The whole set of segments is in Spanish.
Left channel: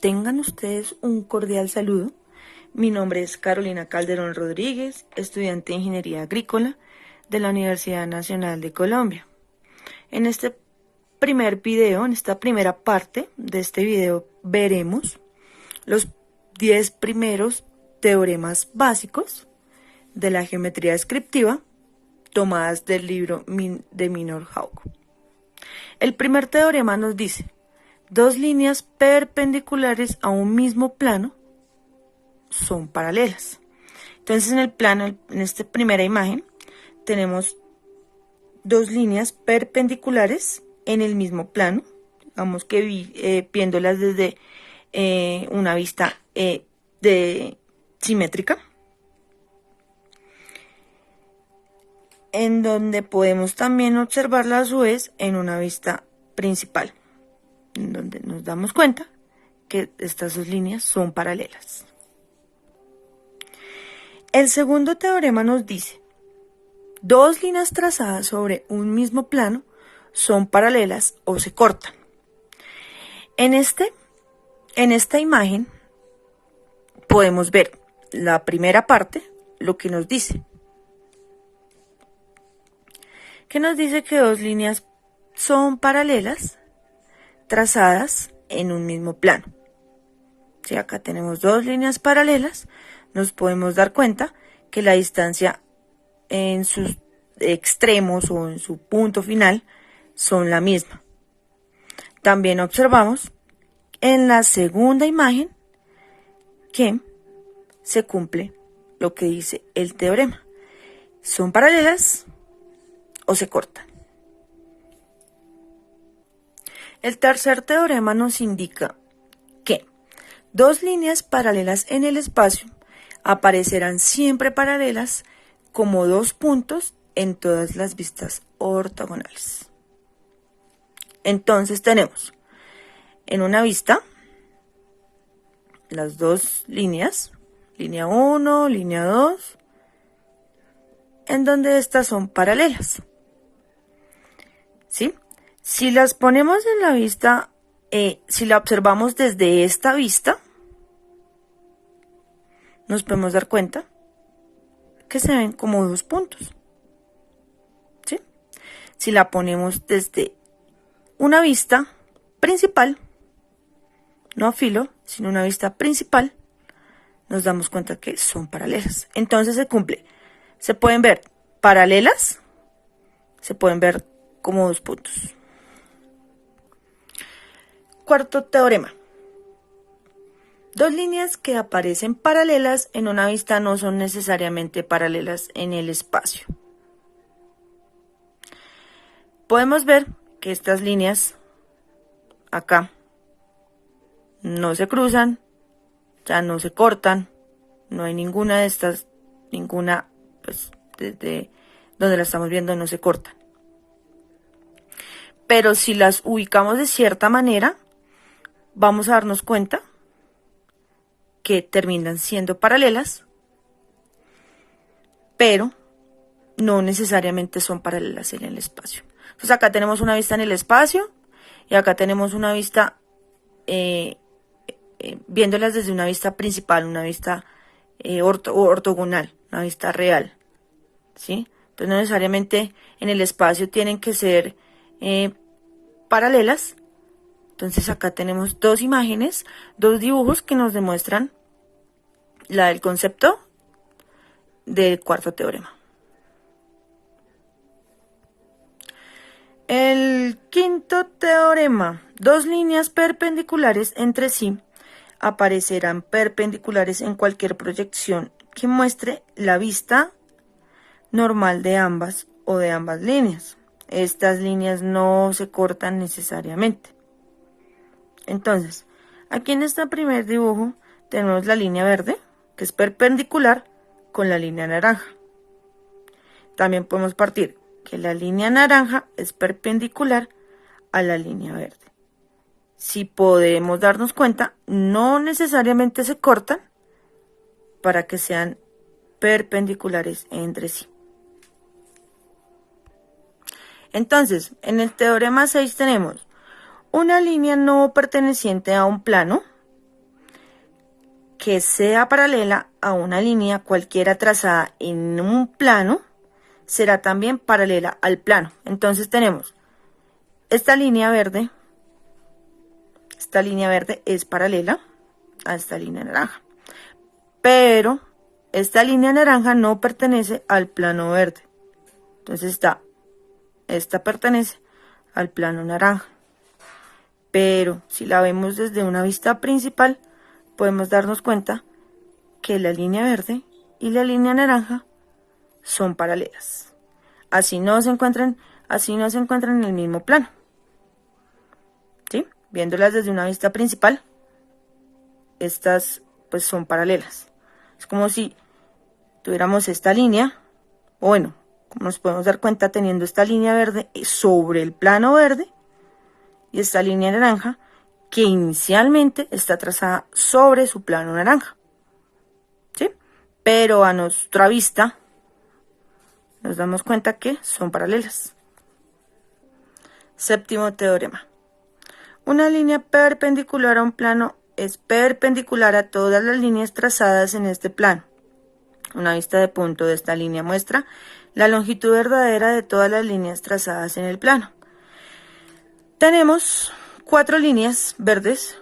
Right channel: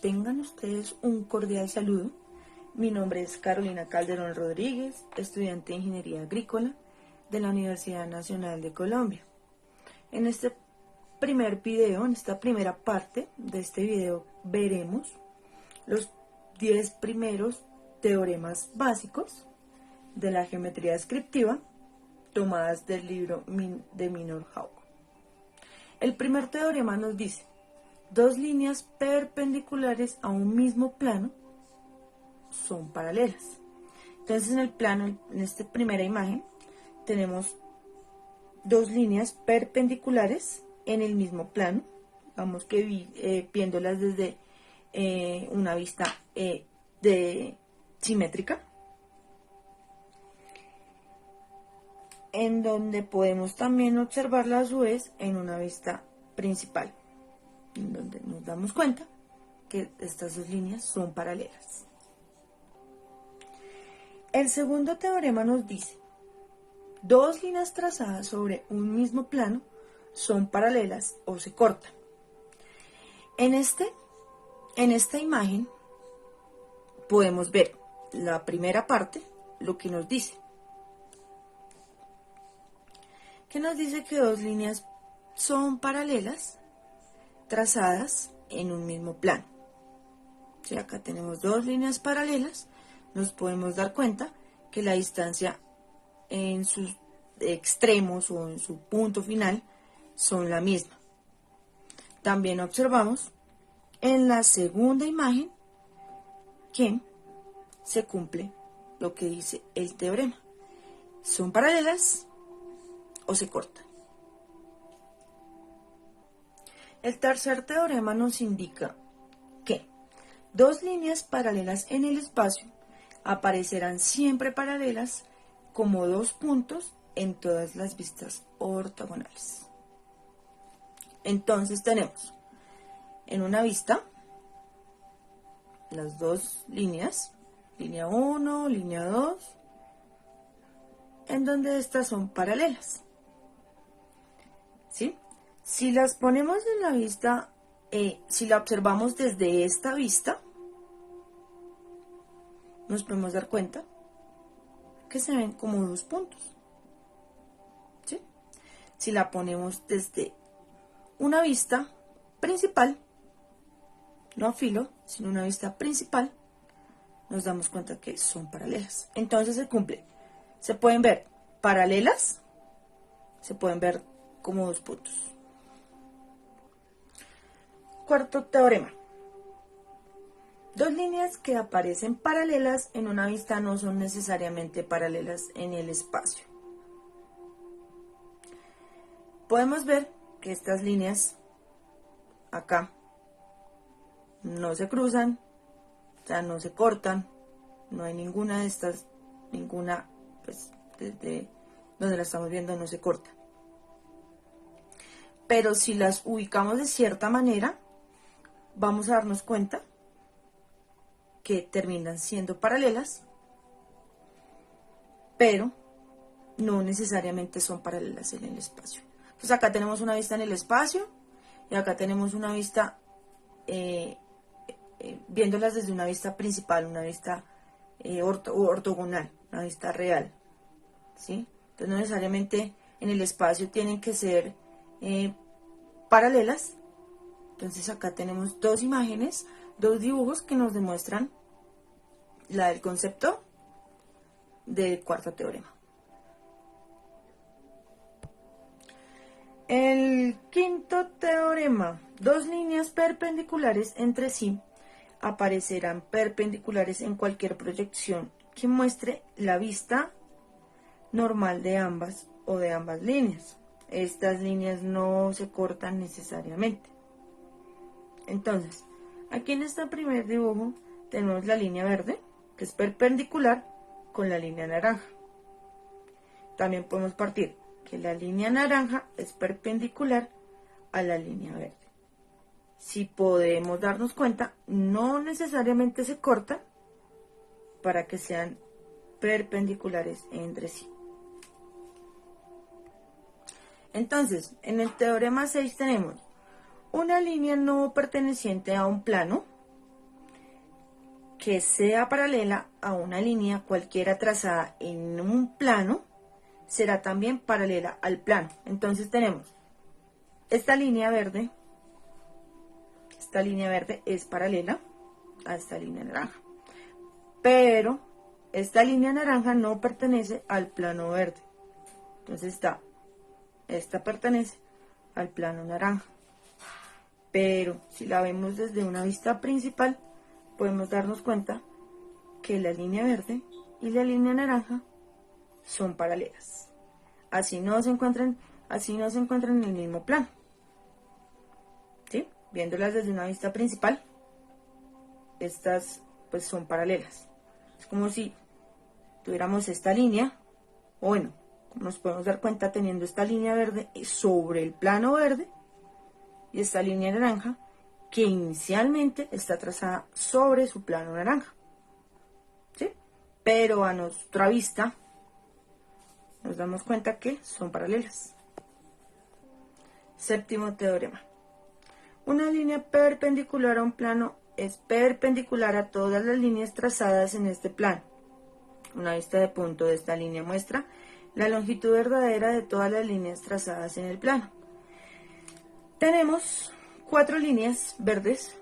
Tengan ustedes un cordial saludo. Mi nombre es Carolina Calderón Rodríguez, estudiante de Ingeniería Agrícola de la Universidad Nacional de Colombia. En este primer video, en esta primera parte de este video, veremos los 10 primeros teoremas básicos de la geometría descriptiva tomadas del libro de Minor-Hauck. El primer teorema nos dice: dos líneas perpendiculares a un mismo plano son paralelas. Entonces en el plano, en esta primera imagen, tenemos dos líneas perpendiculares en el mismo plano, digamos que viéndolas desde una vista simétrica, en donde podemos también observarla a su vez en una vista principal, en donde nos damos cuenta que estas dos líneas son paralelas. El segundo teorema nos dice: dos líneas trazadas sobre un mismo plano son paralelas o se cortan. En esta imagen podemos ver la primera parte, lo que nos dice. Que nos dice que dos líneas son paralelas trazadas en un mismo plano. Si acá tenemos dos líneas paralelas, nos podemos dar cuenta que la distancia en sus extremos o en su punto final son la misma. También observamos en la segunda imagen que se cumple lo que dice el teorema. Son paralelas o se cortan. El tercer teorema nos indica que dos líneas paralelas en el espacio aparecerán siempre paralelas como dos puntos en todas las vistas ortogonales. Entonces tenemos en una vista las dos líneas, línea 1, línea 2, en donde estas son paralelas. ¿Sí? Si las ponemos en la vista, si la observamos desde esta vista, nos podemos dar cuenta que se ven como dos puntos. ¿Sí? Si la ponemos desde una vista principal, no a filo, sino una vista principal, nos damos cuenta que son paralelas. Entonces se cumple. Se pueden ver paralelas, se pueden ver como dos puntos. Cuarto teorema. Dos líneas que aparecen paralelas en una vista no son necesariamente paralelas en el espacio. Podemos ver que estas líneas acá no se cruzan, ya no se cortan, no hay ninguna de estas, pues desde donde la estamos viendo no se cortan. Pero si las ubicamos de cierta manera, vamos a darnos cuenta que terminan siendo paralelas, pero no necesariamente son paralelas en el espacio. Entonces acá tenemos una vista en el espacio y acá tenemos una vista viéndolas desde una vista principal, una vista ortogonal, una vista real, ¿sí? Entonces no necesariamente en el espacio tienen que ser paralelas. Entonces acá tenemos dos imágenes, dos dibujos que nos demuestran el concepto del cuarto teorema. El quinto teorema: dos líneas perpendiculares entre sí aparecerán perpendiculares en cualquier proyección que muestre la vista normal de ambas o de ambas líneas. Estas líneas no se cortan necesariamente. Entonces, aquí en este primer dibujo tenemos la línea verde, que es perpendicular con la línea naranja. También podemos partir que la línea naranja es perpendicular a la línea verde. Si podemos darnos cuenta, no necesariamente se cortan para que sean perpendiculares entre sí. Entonces, en el teorema 6 tenemos una línea no perteneciente a un plano, que sea paralela a una línea cualquiera trazada en un plano, será también paralela al plano. Entonces tenemos esta línea verde es paralela a esta línea naranja, pero esta línea naranja no pertenece al plano verde. Entonces esta pertenece al plano naranja. Pero si la vemos desde una vista principal, podemos darnos cuenta que la línea verde y la línea naranja son paralelas. Así no se encuentran en el mismo plano. ¿Sí? Viéndolas desde una vista principal, estas pues son paralelas. Es como si tuviéramos esta línea, o bueno, como nos podemos dar cuenta teniendo esta línea verde sobre el plano verde y esta línea naranja que inicialmente está trazada sobre su plano naranja. ¿Sí? Pero a nuestra vista nos damos cuenta que son paralelas. Séptimo teorema. Una línea perpendicular a un plano es perpendicular a todas las líneas trazadas en este plano. Una vista de punto de esta línea muestra la longitud verdadera de todas las líneas trazadas en el plano. Tenemos 4 líneas verdes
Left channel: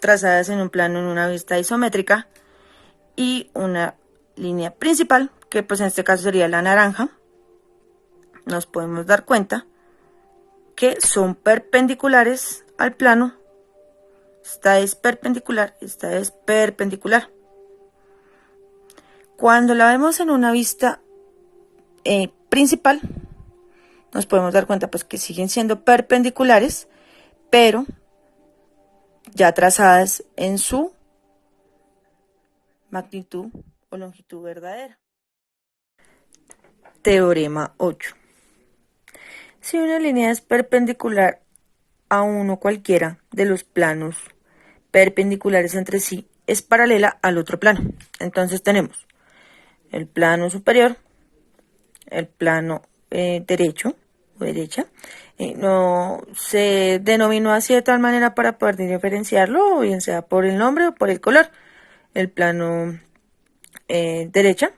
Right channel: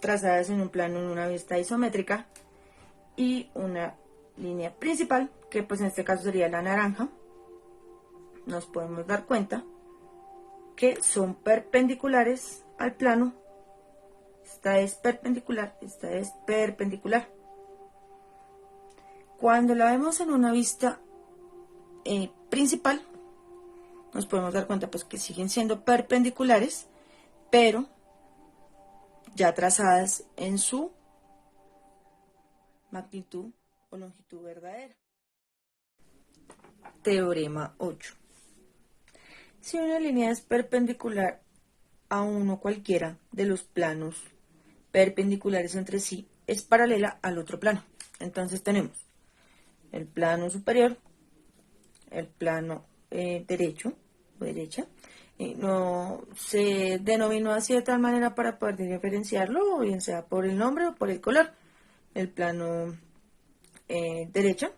trazadas en un plano en una vista isométrica y una línea principal, que pues en este caso sería la naranja. Nos podemos dar cuenta que son perpendiculares al plano. Esta es perpendicular, esta es perpendicular. Cuando la vemos en una vista principal, nos podemos dar cuenta pues que siguen siendo perpendiculares, pero ya trazadas en su magnitud o longitud verdadera. Teorema 8. Si una línea es perpendicular a uno cualquiera de los planos perpendiculares entre sí, es paralela al otro plano. Entonces tenemos el plano superior, el plano derecho o derecha. No se denominó así de tal manera para poder diferenciarlo, o bien sea por el nombre o por el color. El plano derecha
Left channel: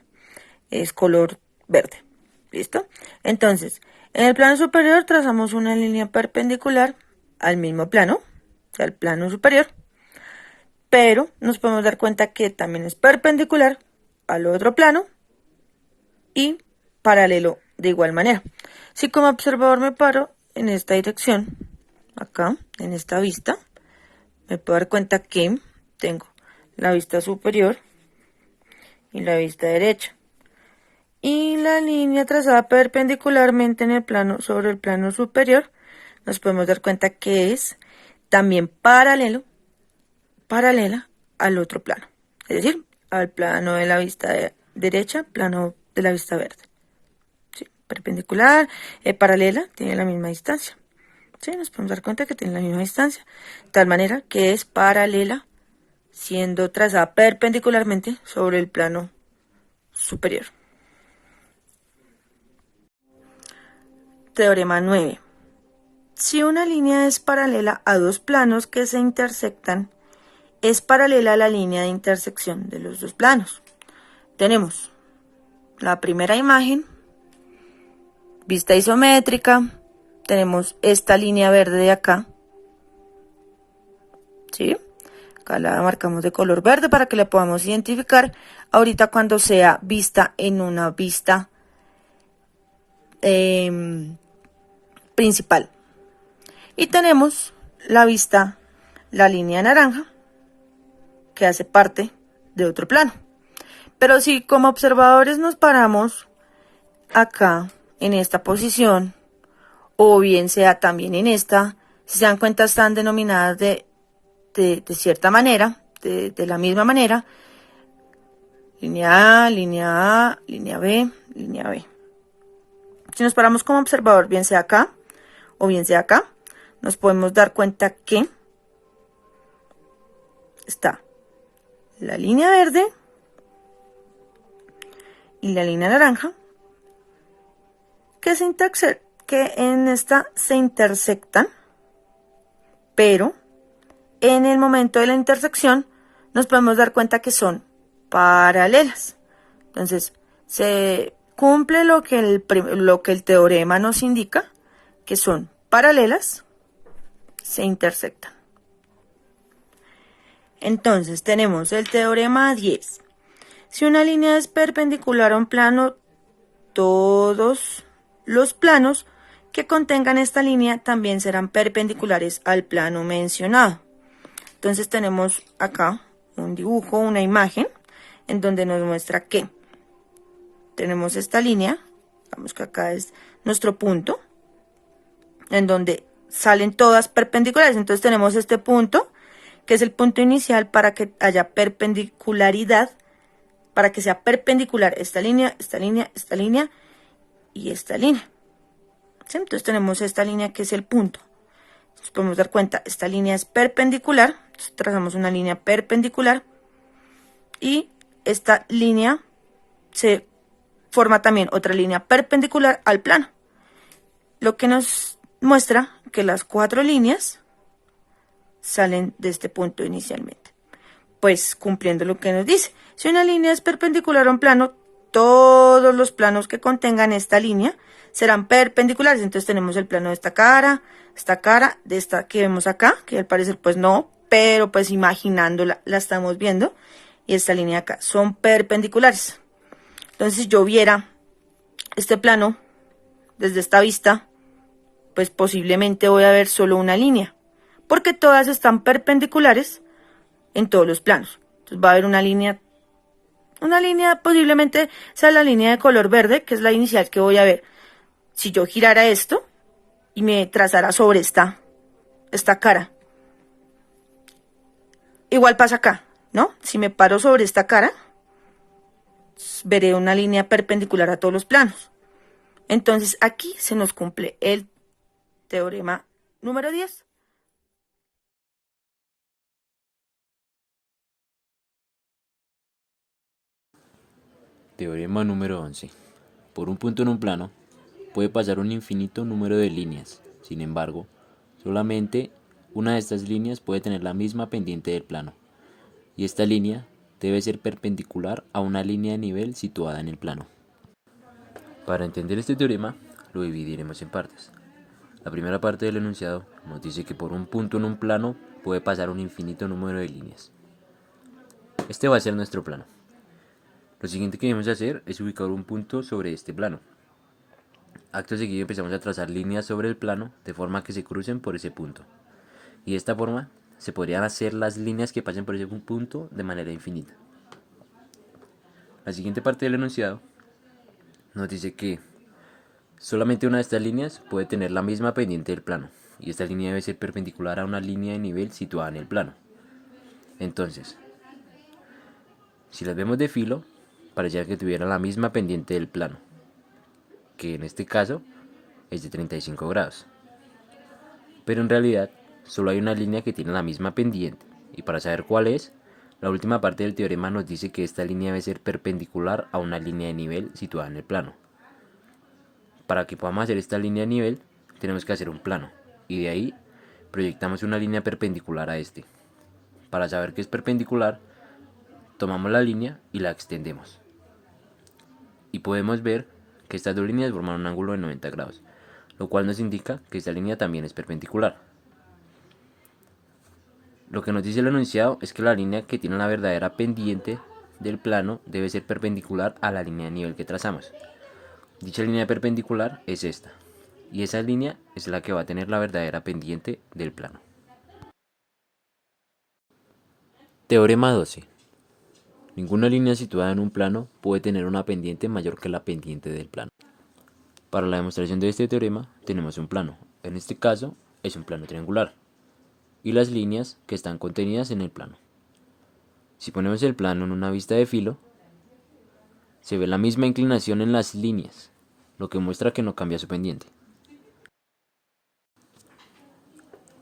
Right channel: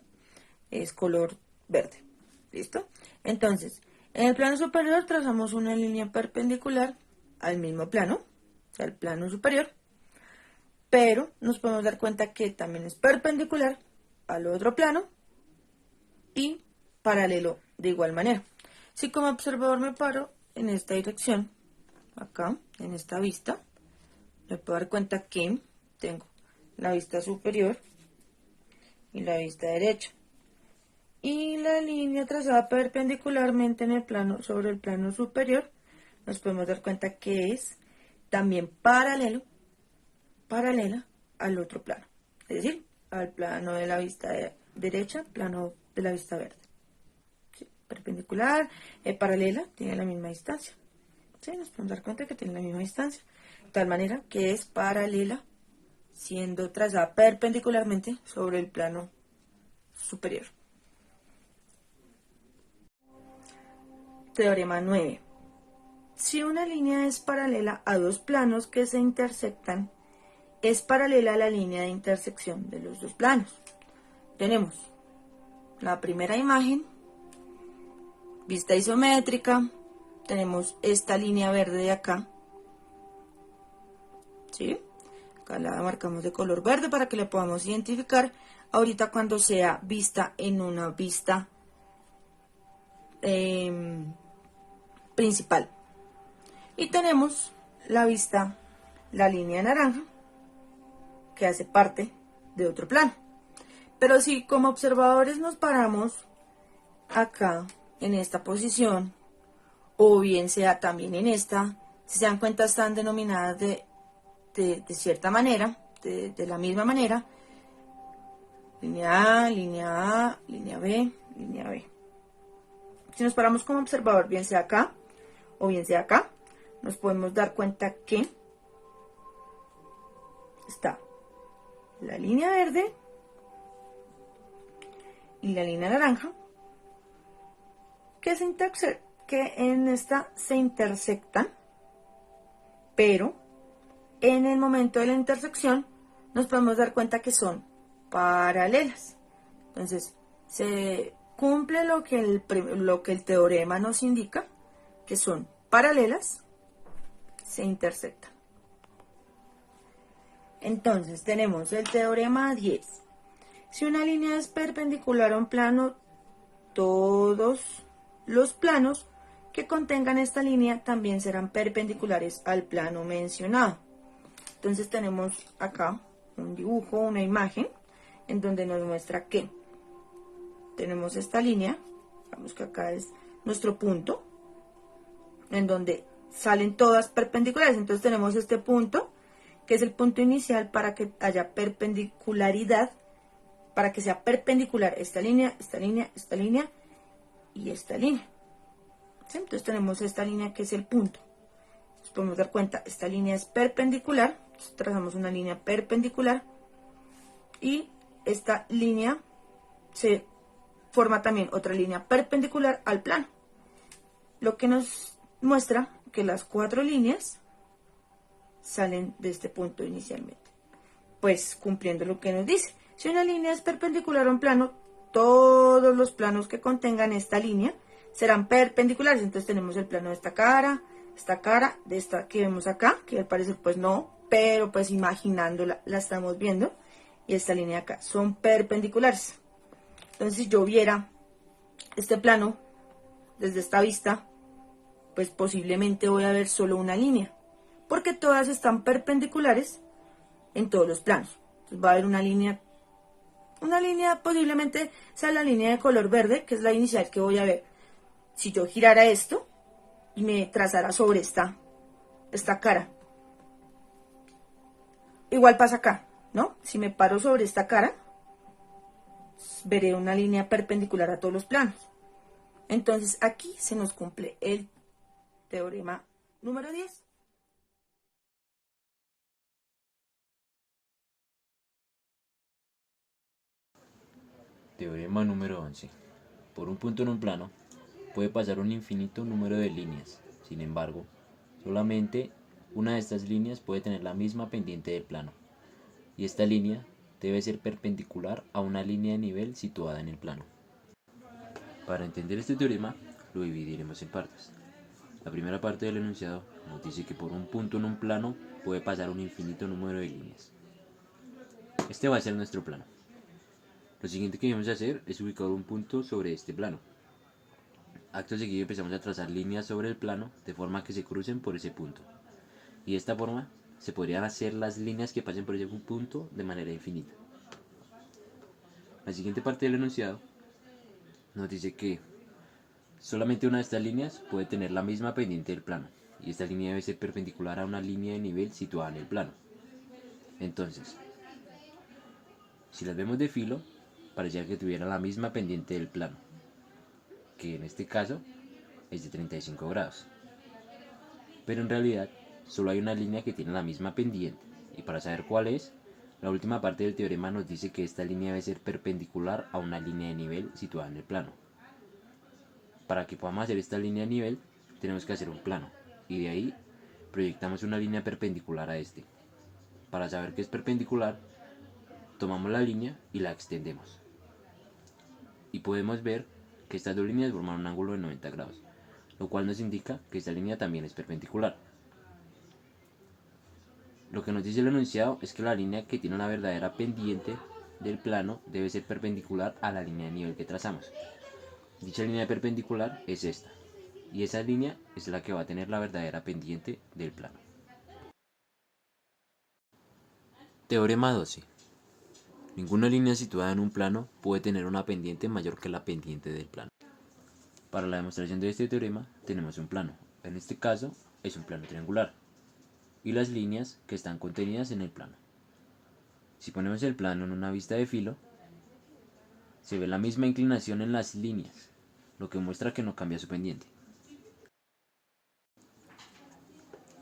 es color verde. ¿Listo? Entonces, en el plano superior trazamos una línea perpendicular al mismo plano, al plano superior, pero nos podemos dar cuenta que también es perpendicular al otro plano y paralelo de igual manera. Si como observador me paro en esta dirección, acá, en esta vista, me puedo dar cuenta que tengo la vista superior y la vista derecha. Y la línea trazada perpendicularmente en el plano, sobre el plano superior, nos podemos dar cuenta que es también paralela al otro plano. Es decir, al plano de la vista derecha, plano de la vista verde. ¿Sí? Perpendicular, paralela, tiene la misma distancia. ¿Sí? Nos podemos dar cuenta que tiene la misma distancia. De tal manera que es paralela, siendo trazada perpendicularmente sobre el plano superior. Teorema 9. Si una línea es paralela a dos planos que se intersectan, es paralela a la línea de intersección de los dos planos. Tenemos la primera imagen, vista isométrica, tenemos esta línea verde de acá, ¿sí? Acá la marcamos de color verde para que la podamos identificar ahorita cuando sea vista en una vista principal. Y tenemos la línea naranja, que hace parte de otro plano. Pero si como observadores nos paramos acá, en esta posición, o bien sea también en esta, si se dan cuenta están denominadas de cierta manera, de la misma manera, línea A, línea A, línea B, línea B. Si nos paramos como observador, bien sea acá o bien sea acá, nos podemos dar cuenta que está la línea verde y la línea naranja que en esta se intersectan, pero en el momento de la intersección nos podemos dar cuenta que son paralelas. Entonces, se cumple lo que el teorema nos indica, que son paralelas, se intersectan. Entonces, tenemos el teorema 10. Si una línea es perpendicular a un plano, todos los planos que contengan esta línea también serán perpendiculares al plano mencionado. Entonces tenemos acá un dibujo, una imagen, en donde nos muestra que tenemos esta línea, vamos que acá es nuestro punto, en donde salen todas perpendiculares. Entonces tenemos este punto, que es el punto inicial para que haya perpendicularidad, para que sea perpendicular esta línea, esta línea, esta línea y esta línea. ¿Sí? Entonces tenemos esta línea que es el punto. Nos podemos dar cuenta, esta línea es perpendicular, entonces trazamos una línea perpendicular y esta línea se forma también otra línea perpendicular al plano, lo que nos muestra que las 4 líneas salen de este punto inicialmente. Pues cumpliendo lo que nos dice, si una línea es perpendicular a un plano, todos los planos que contengan esta línea serán perpendiculares. Entonces tenemos el plano de esta cara, de esta que vemos acá, que al parecer pues no, pero pues imaginándola la estamos viendo, y esta línea acá son perpendiculares. Entonces si yo viera este plano desde esta vista, pues posiblemente voy a ver solo una línea, porque todas están perpendiculares en todos los planos. Entonces va a haber una línea posiblemente sea la línea de color verde, que es la inicial que voy a ver. Si yo girara esto y me trazara sobre esta cara, igual pasa acá, ¿no? Si me paro sobre esta cara, veré una línea perpendicular a todos los planos. Entonces aquí se nos cumple el teorema número 10. Teorema número 11. Por un punto en un plano puede pasar un infinito número de líneas. Sin embargo, solamente una de estas líneas puede tener la misma pendiente del plano, y esta línea debe ser perpendicular a una línea de nivel situada en el plano. Para entender este teorema, lo dividiremos en partes. La primera parte del enunciado nos dice que por un punto en un plano puede pasar un infinito número de líneas. Este va a ser nuestro plano. Lo siguiente que debemos hacer es ubicar un punto sobre este plano. Acto seguido empezamos a trazar líneas sobre el plano de forma que se crucen por ese punto. Y de esta forma se podrían hacer las líneas que pasen por ese punto de manera infinita. La siguiente parte del enunciado nos dice que solamente una de estas líneas puede tener la misma pendiente del plano, y esta línea debe ser perpendicular a una línea de nivel situada en el plano. Entonces, si las vemos de filo, pareciera que tuvieran la misma pendiente del plano, que en este caso es de 35 grados. Pero en realidad solo hay una línea que tiene la misma pendiente, y para saber cuál es, la última parte del teorema nos dice que esta línea debe ser perpendicular a una línea de nivel situada en el plano. Para que podamos hacer esta línea de nivel, tenemos que hacer un plano, y de ahí proyectamos una línea perpendicular a este. Para saber que es perpendicular, tomamos la línea y la extendemos. Y podemos ver que estas dos líneas forman un ángulo de 90 grados, lo cual nos indica que esta línea también es perpendicular. Lo que nos dice el enunciado es que la línea que tiene la verdadera pendiente del plano debe ser perpendicular a la línea de nivel que trazamos. Dicha línea perpendicular es esta, y esa línea es la que va a tener la verdadera pendiente del plano. Teorema 12. Ninguna línea situada en un plano puede tener una pendiente mayor que la pendiente del plano. Para la demostración de este teorema tenemos un plano, en este caso es un plano triangular, y las líneas que están contenidas en el plano. Si ponemos el plano en una vista de filo, se ve la misma inclinación en las líneas, lo que muestra que no cambia su pendiente.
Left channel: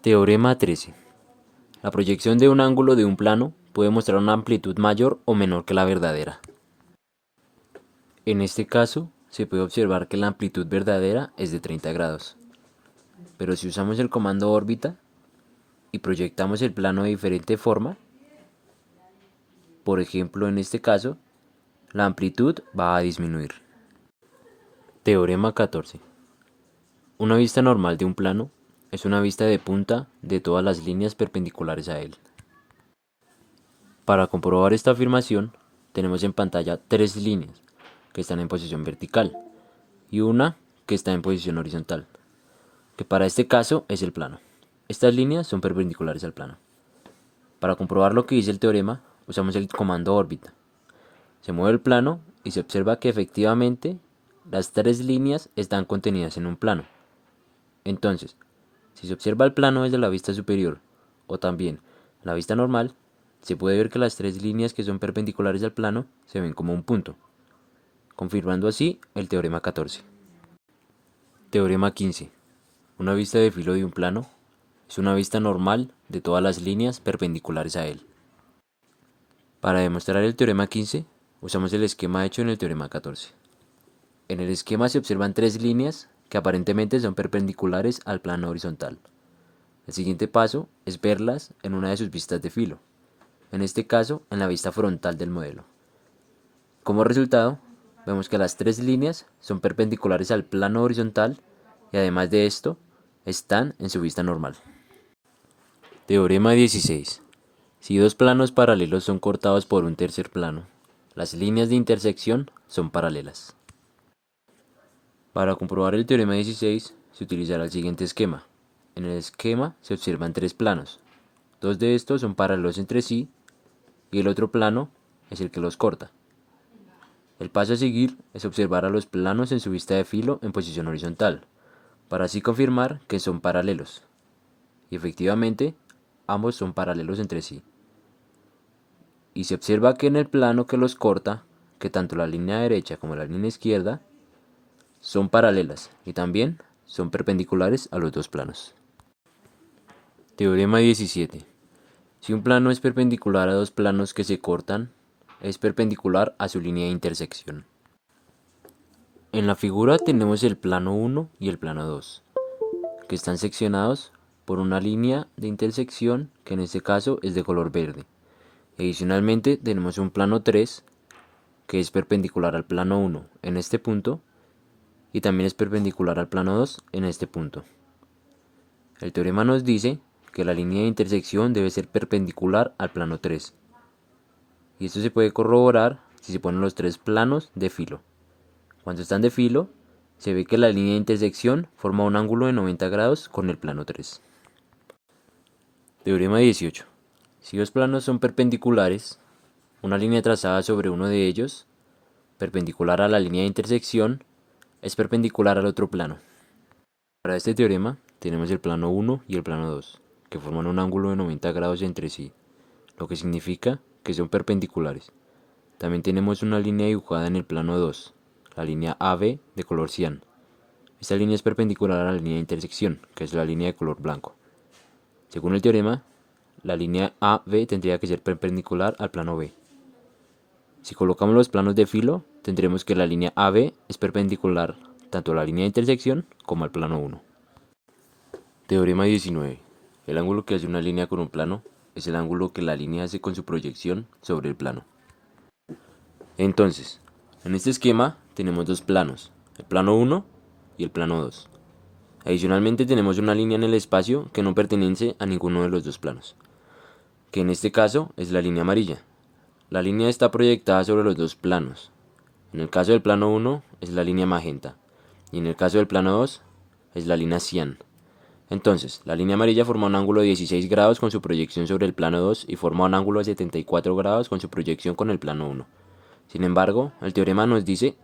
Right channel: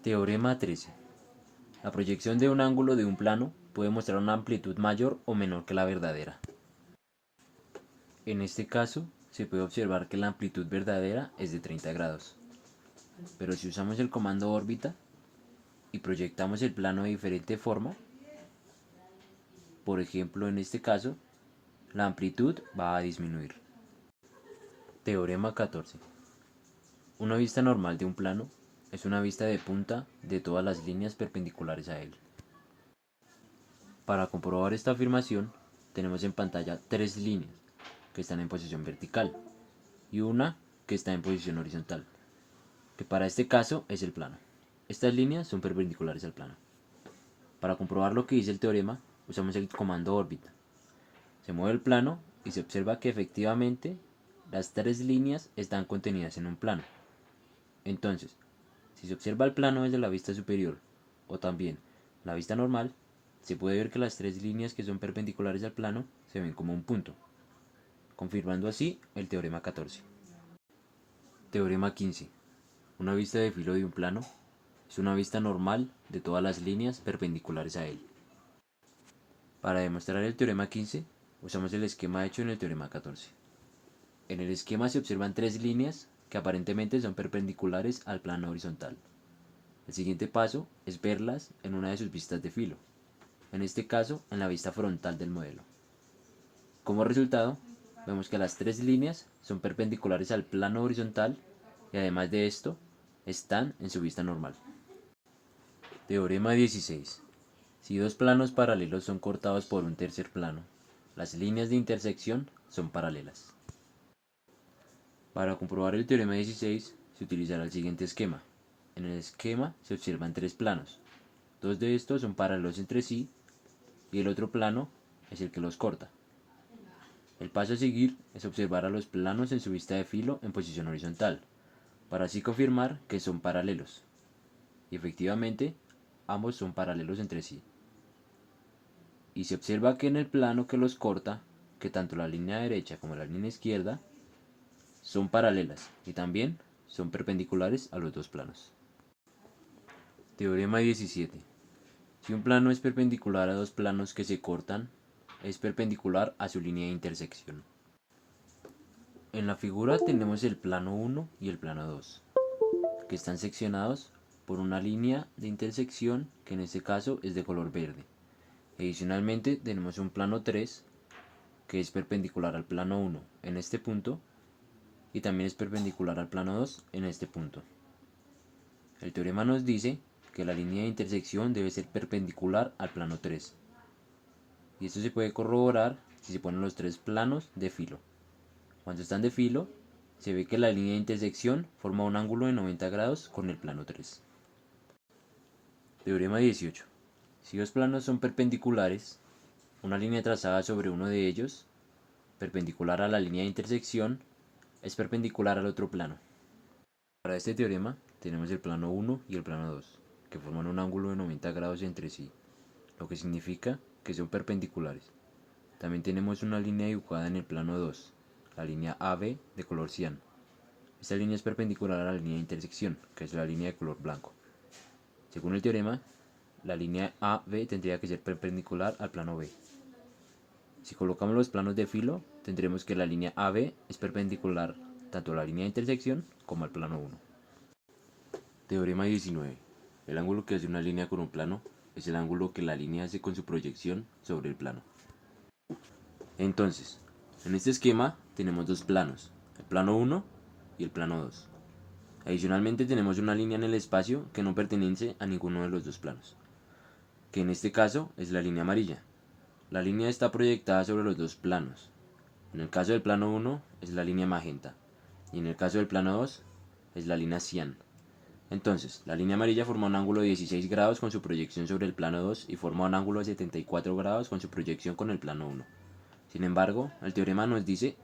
Teorema 13. La proyección de un ángulo de un plano puede mostrar una amplitud mayor o menor que la verdadera. En este caso, se puede observar que la amplitud verdadera es de 30 grados. Pero si usamos el comando órbita y proyectamos el plano de diferente forma, por ejemplo en este caso, la amplitud va a disminuir. Teorema 14. Una vista normal de un plano es una vista de punta de todas las líneas perpendiculares a él. Para comprobar esta afirmación, tenemos en pantalla tres líneas que están en posición vertical y una que está en posición horizontal, que para este caso es el plano. Estas líneas son perpendiculares al plano. Para comprobar lo que dice el teorema, usamos el comando órbita. Se mueve el plano y se observa que efectivamente las tres líneas están contenidas en un plano. Entonces, si se observa el plano desde la vista superior o también la vista normal, se puede ver que las tres líneas que son perpendiculares al plano se ven como un punto, confirmando así el teorema 14. Teorema 15. Una vista de filo de un plano es una vista normal de todas las líneas perpendiculares a él. Para demostrar el teorema 15, usamos el esquema hecho en el teorema 14. En el esquema se observan tres líneas que aparentemente son perpendiculares al plano horizontal. El siguiente paso es verlas en una de sus vistas de filo, en este caso en la vista frontal del modelo. Como resultado, vemos que las tres líneas son perpendiculares al plano horizontal y además de esto, están en su vista normal. Teorema 16. Si dos planos paralelos son cortados por un tercer plano, las líneas de intersección son paralelas. Para comprobar el teorema 16 se utilizará el siguiente esquema. En el esquema se observan tres planos. Dos de estos son paralelos entre sí y el otro plano es el que los corta. El paso a seguir es observar a los planos en su vista de filo en posición horizontal, para así confirmar que son paralelos. Y efectivamente, ambos son paralelos entre sí. Y se observa que en el plano que los corta, que tanto la línea derecha como la línea izquierda son paralelas y también son perpendiculares a los dos planos. Teorema 17. Si un plano es perpendicular a dos planos que se cortan, es perpendicular a su línea de intersección. En la figura tenemos el plano 1 y el plano 2, que están seccionados por una línea de intersección que en este caso es de color verde. Adicionalmente tenemos un plano 3 que es perpendicular al plano 1 en este punto y también es perpendicular al plano 2 en este punto. El teorema nos dice que la línea de intersección debe ser perpendicular al plano 3. Y esto se puede corroborar si se ponen los tres planos de filo. Cuando están de filo, se ve que la línea de intersección forma un ángulo de 90 grados con el plano 3. Teorema 18. Si dos planos son perpendiculares, una línea trazada sobre uno de ellos, perpendicular a la línea de intersección, es perpendicular al otro plano. Para este teorema tenemos el plano 1 y el plano 2, que forman un ángulo de 90 grados entre sí, lo que significa que son perpendiculares. También tenemos una línea dibujada en el plano 2, la línea AB de color cian. Esta línea es perpendicular a la línea de intersección, que es la línea de color blanco. Según el teorema, la línea AB tendría que ser perpendicular al plano B. Si colocamos los planos de filo, tendremos que la línea AB es perpendicular tanto a la línea de intersección como al plano 1. Teorema 19. El ángulo que hace una línea con un plano es el ángulo que la línea hace con su proyección sobre el plano. Entonces, en este esquema tenemos dos planos, el plano 1 y el plano 2. Adicionalmente tenemos una línea en el espacio que no pertenece a ninguno de los dos planos, que en este caso es la línea amarilla. La línea está proyectada sobre los dos planos. En el caso del plano 1 es la línea magenta y en el caso del plano 2 es la línea cian. Entonces, la línea amarilla forma un ángulo de 16 grados con su proyección sobre el plano 2 y forma un ángulo de 74 grados con su proyección con el plano 1. Sin embargo, el teorema nos dice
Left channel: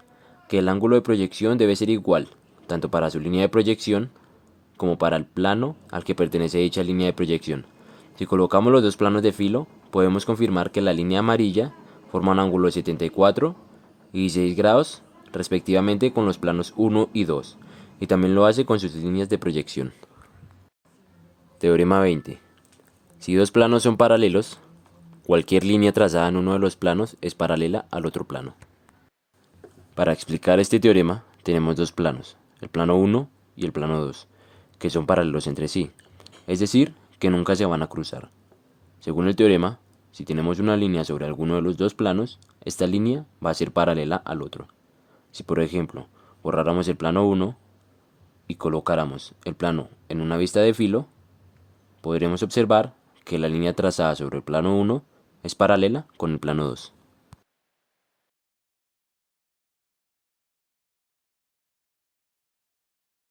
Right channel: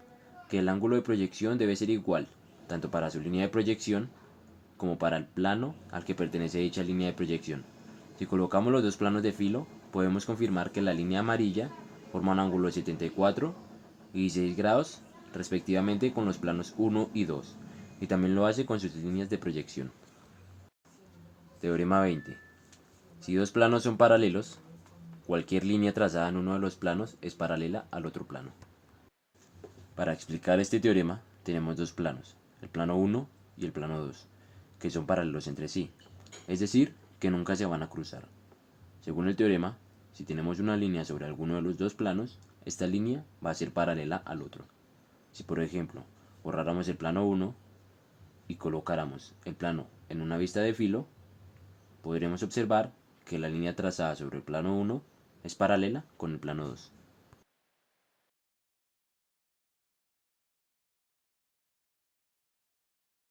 que el ángulo de proyección debe ser igual, tanto para su línea de proyección como para el plano al que pertenece dicha línea de proyección. Si colocamos los dos planos de filo, podemos confirmar que la línea amarilla forma un ángulo de 74 y 16 grados respectivamente con los planos 1 y 2, y también lo hace con sus líneas de proyección. Teorema 20. Si dos planos son paralelos, cualquier línea trazada en uno de los planos es paralela al otro plano. Para explicar este teorema, tenemos dos planos, el plano 1 y el plano 2, que son paralelos entre sí, es decir, que nunca se van a cruzar. Según el teorema, Si tenemos una línea sobre alguno de los dos planos, esta línea va a ser paralela al otro. Si por ejemplo borráramos el plano 1 y colocáramos el plano en una vista de filo, podremos observar que la línea trazada sobre el plano 1 es paralela con el plano 2.